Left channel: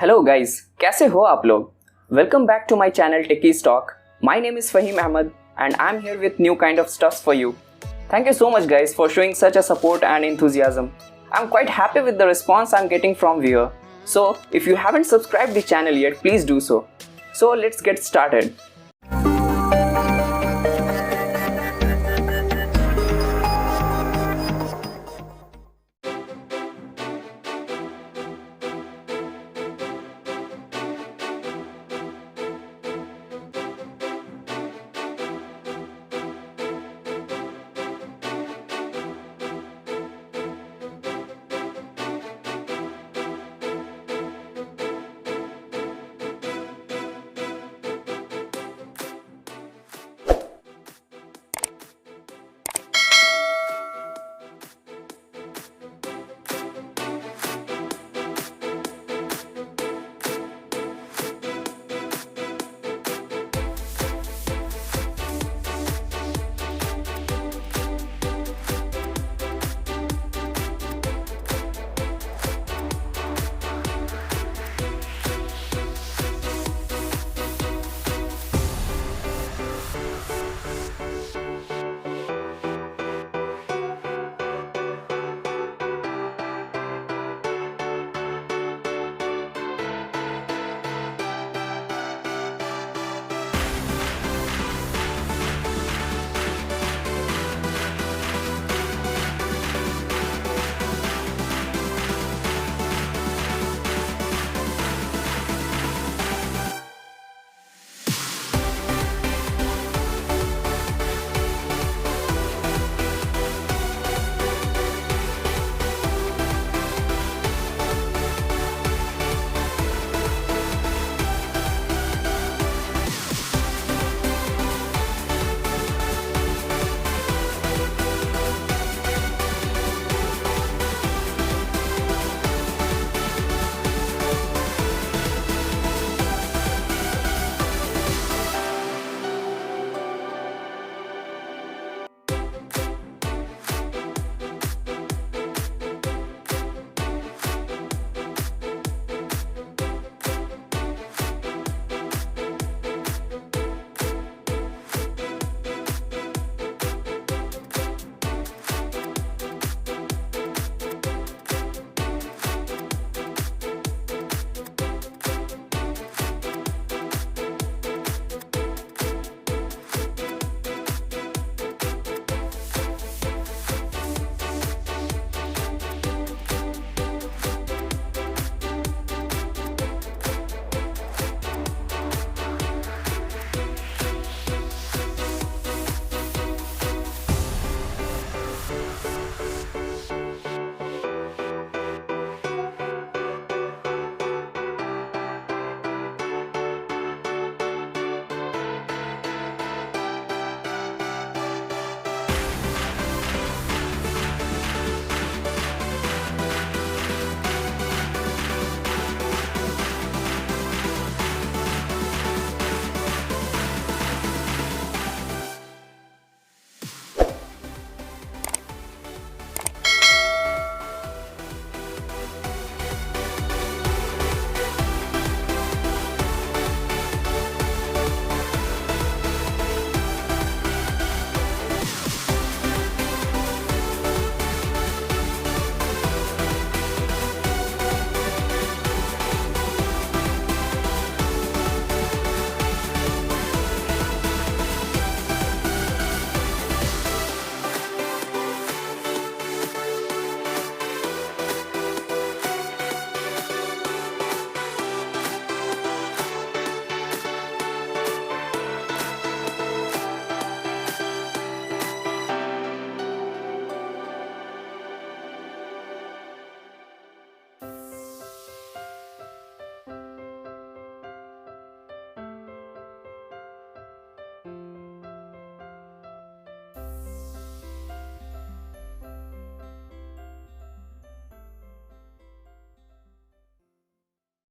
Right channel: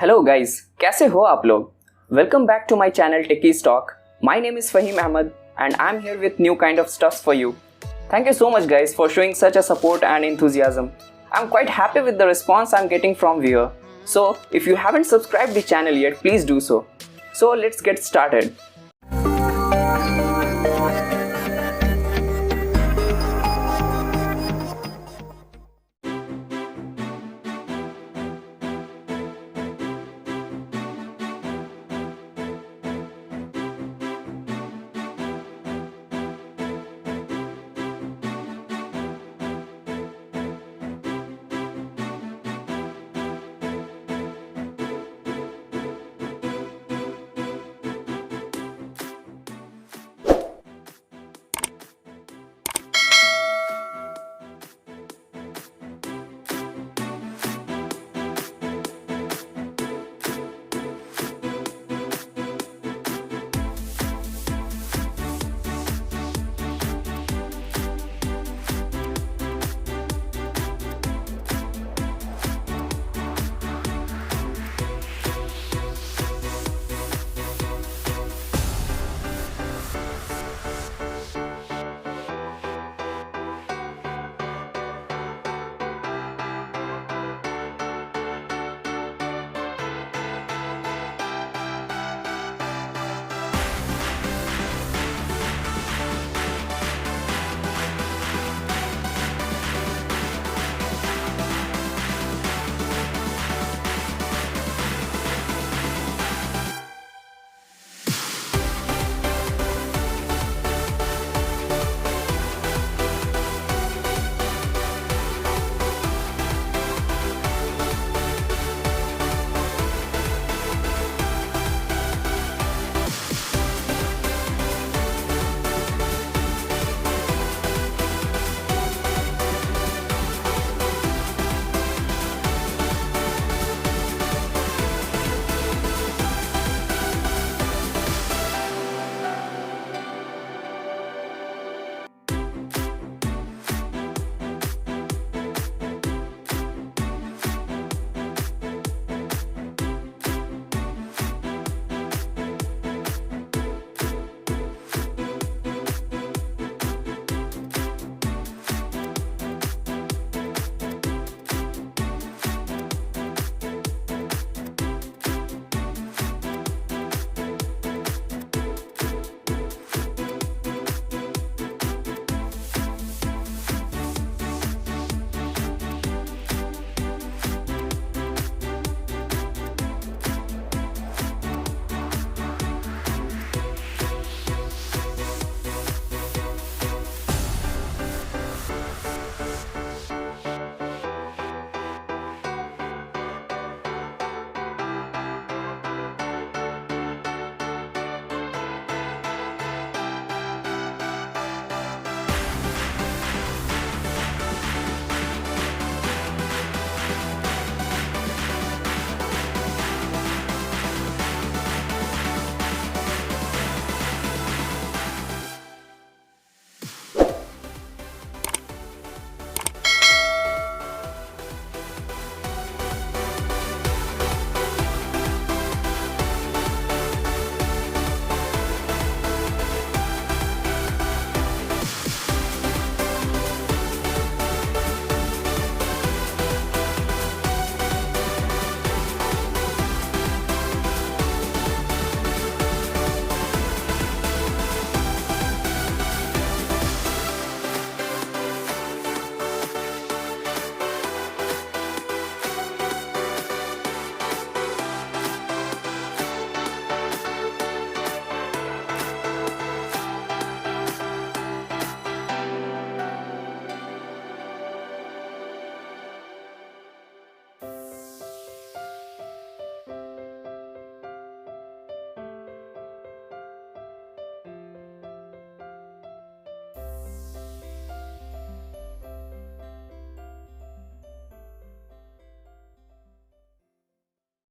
Hello guys, कैसे हो आप लोग? Welcome back to my channel techiestalk. My name is Fahim Ahmed and I'm here with new kind of stuff for you. Thank you so much guys for showing such a support and enthusiasm. I'm quite happy with the response I'm getting from viewer. So if you haven't subscribed the channel yet, please do so. So let's get started.